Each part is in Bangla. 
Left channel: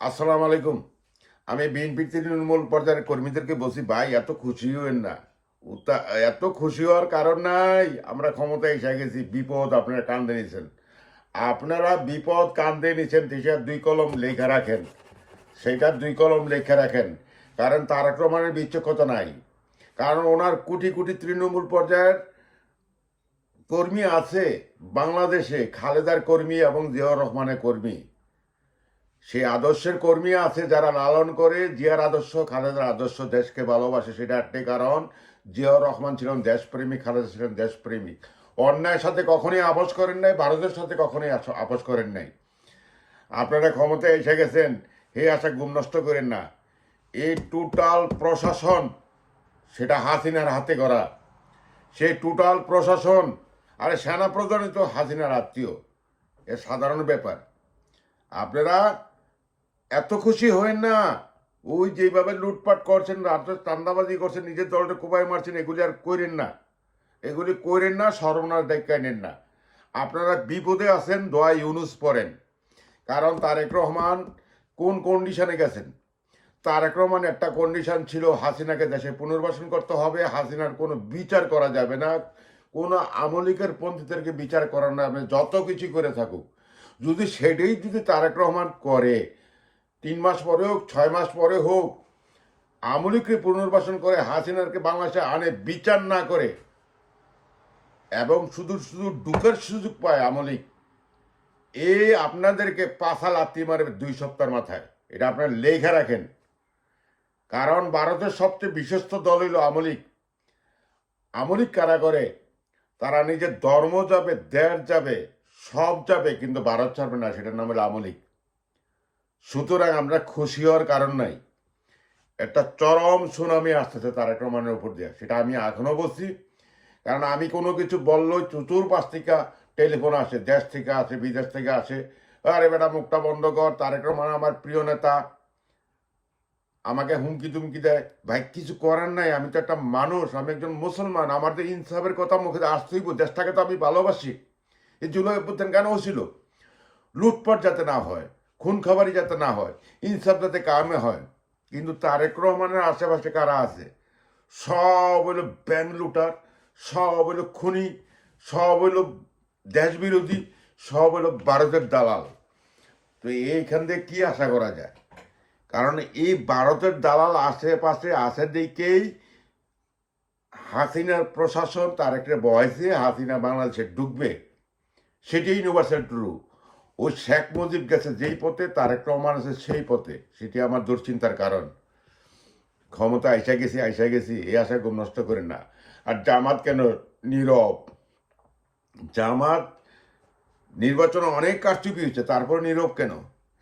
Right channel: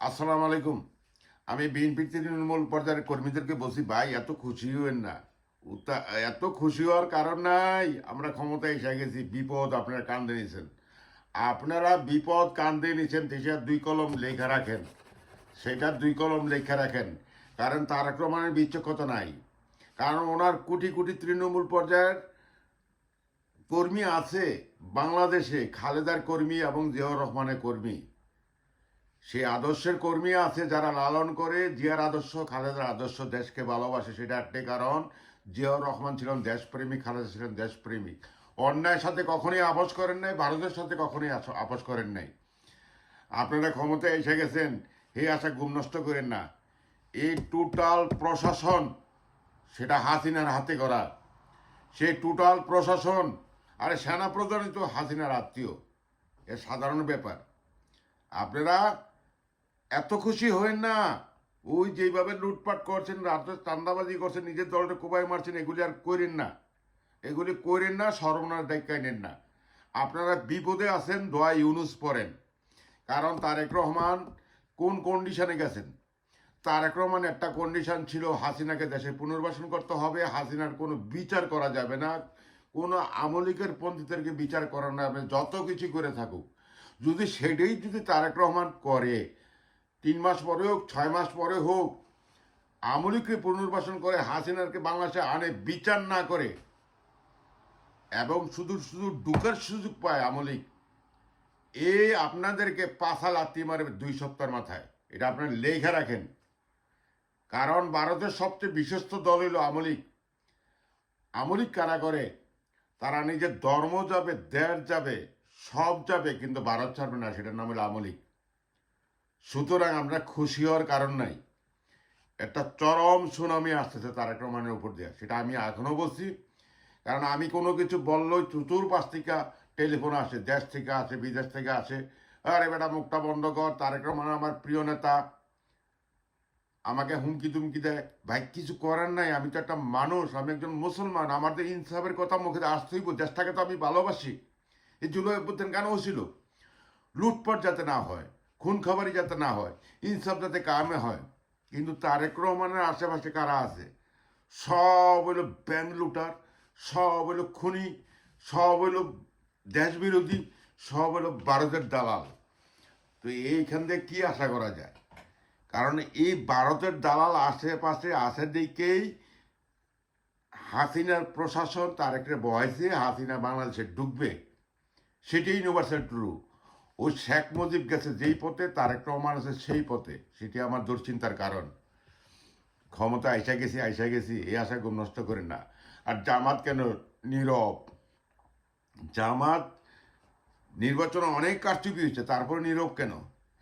আসসালামু আলাইকুম। আমি বিএনপির তৃণমূল পর্যায়ের কর্মীদেরকে বলছি, ভাই এত খুশি হইন না। এত খুশি হওয়ার কারণ নাই। আমরা ক্ষমতায় এসে গেছি, বিপদ আপনারা কান্দে নিছেন। আপনারা বিপদ কান্দে নিছেন, সেটার 2 কলম লেখা রাখেন। সেটার 2 কলম লেখা রাখেন। কারণ তারেক রহমানের বিচক্ষণতা নাই। কারণ ওনার কোটি কোটি তৃণমূল পর্যায়ের কর্মী আছে বাংলাদেশে, খালেদার কর্মী এবং জিয়াউর রহমানের কর্মী। সেই আদর্শের কর্মী আছে যারা লালন করে জিয়ার আদর্শ, খালেদার আদর্শ, দেশকে ভালোবাসে। সেটা একটাই কারণ, জিয়াউর রহমান ছিলেন দেশপ্রেমিক, খালেদা ছিলেন দেশপ্রেমিক। অন্যায়ের সাথে কখনোই আপোষ করেন নাই, ভারতের সাথে কখনোই আপোষ করেন নাই। আপনারা ক্ষমতায় এসে গেছেন, হে আশা গুম নষ্ট করেন না। এই টোটাল প্রশাসন সেটা হাসিনার হাতে করা। সেই টোটাল প্রশাসন, আরে সেনা প্রধানই তো হাসিনার আত্মীয়। এ সাধারণ ব্যাপার। আপনারা এত খুশি হয়েন না। ওই যেভাবে লুটপাট করছেন, রাত্রে চান্দাবাজি করছেন, নিজের দলটা কোপায় মারছেন, এগুলি আর করেন না। এগুলি করেন না, সর্বনাশ দেখায় নেন না। আপনারা বিপদে আছেন, দোয়া ইউনুস পড়েন। কারণ তারেক রহমান কোন কন্ডিশনে গেছেন। তারেক রহমান একটা কন্ডিশন ছিল, হাসিনাকে দেশে পুনর্বাসন করতে হবে, হাসিনার কোনো বিচার করা যাবে না, কোনো আমলিকের পন্থীদেরকে বিচার করা না, যত কিছু করে থাকুক। যদি তারেক রহমান করে, 3 মাস পরে হোক, 6 মাস পরে হোক, আমলিককে পুনর্বাসন করে হাসিনারকে বাংলাদেশে আনে, বিচার না করে, এবং শুধু শুধু ঢুকের সুযোগ পায় আমলিক, আপনাদেরকে পাশা লাত্তি মারে 2 সপ্তাহের মাথায়। এটা আপনারা লেখা রাখেন। কারণ ভারতের সবচেয়ে বিশ্বস্ত দল হইল আমলিক। আমলিক কারা করে? তারা নিজের ধর্ম যাবে, দেশ যাবে, সব যাবে, কিন্তু ভারত ছাড়বে না। সেটার নাম হলো আমলিক। সুতরাং আমরা খুশি হওয়ার কারণ নাই। একটা চরম সুনামি আসতেছে তারেক রহমানের উপর দিয়ে, সেটা আমি এখনো বলছি। কারণ আমি কোনো কিছু বললেই চতুর্পাশ থেকে টেলিফোন আসে, দেশ থেকে আসে, বিদেশ থেকে আসে, আরে বেটা মুখটা বন্ধ কর, তারেক রহমান আমার প্রিয় নেতা, আমাকে হুমকি তুমকি দেয়। ভাই কিছু করার নাই, আমি তো একটা মানুষ, আমি একজন মুসলমান, আমার তো ইনসাফের কথা মুখে আসতেই, দেশটাকে তো আমি ভালোবাসি। এই জুলাই অভ্যুত্থান কেন হয়েছিল? লুটপাট যাতে না হয়, খুন খাবারি যাতে না হয়, ইনসাফ যাতে কামে হয়। কিন্তু তারেক রহমানের আশেপাশে কারা আছে? সব হইল ব্যাংক লুটার, সব হইল খুনি, সব হইল দেশ বিরোধী, সব হইল ভারতের দালাল। তো এইখান থেকে কি আশা করা যায়? কারণ এই ভারতের দালাল আশেপাশে আছে দিকেই হাসিনার প্রশাসন তারেকরে বয়সে হাসিনা বাংলাদেশে ঢুকবে। সেটাই ইউনিভার্সাল ট্রু। ওই শেখ মুজিব গেছে যেই পথে, তারেক রহমান আছে সেই পথে। সেটি আমার দুশ্চিন্তার কারণ। ক্ষমতা আইসা গেছি, এই আশা গুম নষ্ট করেন না। আর জামাত কেন নীরব? জামাত নির্বাচনে অনেক কারচুপি হয়েছে, তারপর নীরব কেন?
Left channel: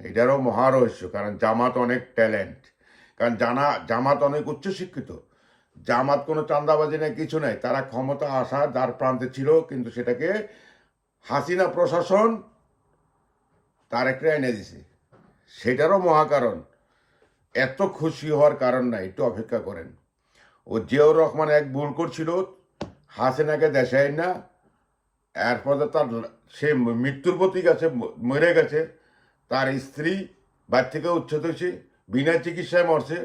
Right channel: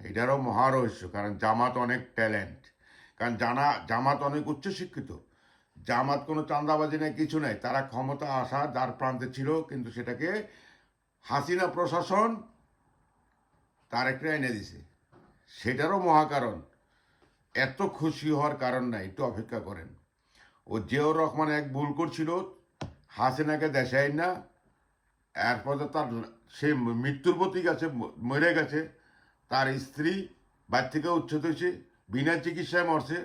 এটারও মহারহস্য। কারণ জামাত অনেক ট্যালেন্ট, কারণ জামাত অনেক উচ্চশিক্ষিত। জামাত কোনো চাঁদাবাজি নেই, কিছু নেই। তারা ক্ষমতা আসার দ্বার প্রান্তে ছিল, কিন্তু সেটাকে হাসিনা প্রশাসন তার একটা এনে দিছে। সেটারও মহাকারণ। এত খুশি হওয়ার কারণ নাই, একটু অপেক্ষা করেন। ও জিয়াউর রহমান এক ভুল করছিল, হাসিনাকে দেশাই না, এরপরে তার সে মৃত্যুর প্রতি গেছে, মরে গেছে। তার স্ত্রী বাড়ি থেকে উচ্ছেদ হয়েছে, বিনা চিকিৎসায় মরছে।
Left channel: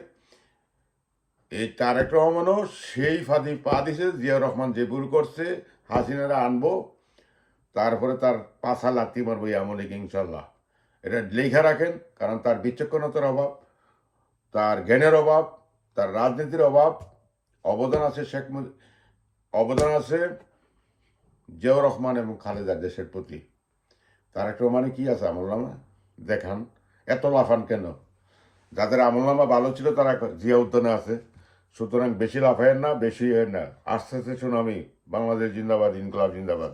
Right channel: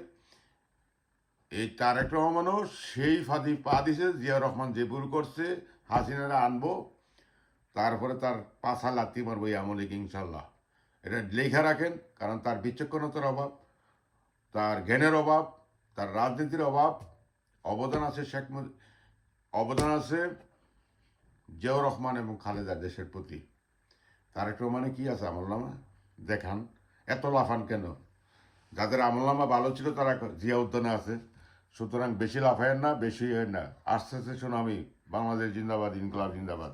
এই তারেক রহমানও সেই ফাঁদি পা দিছে। জিয়াউর রহমান যে ভুল করছে, হাসিনারা আনবো, তারপরে তার পাশা লাত্তি মারবো এই আমলে ইনশাল্লাহ। এটা লেখা রাখেন। কারণ তার বিচক্ষণতার অভাব, তার জ্ঞানের অভাব, তার রাজনীতির অভাব। অবদান আছে অবদান আছে জিয়াউর রহমান এবং খালেদা দেশের প্রতি। তারেক রহমানে কি আছে আমলনামা দেখান। এত লাফান কেন? যাদের আমলনামা ভালো ছিল তারা জিয়া উদ্যানে আছে। সুতরাং বেশি লাফায়েন না, বেশি না। আস্তে আস্তে সুনামি। বাংলাদেশ জিন্দাবাদ, ইনকলাব জিন্দাবাদ।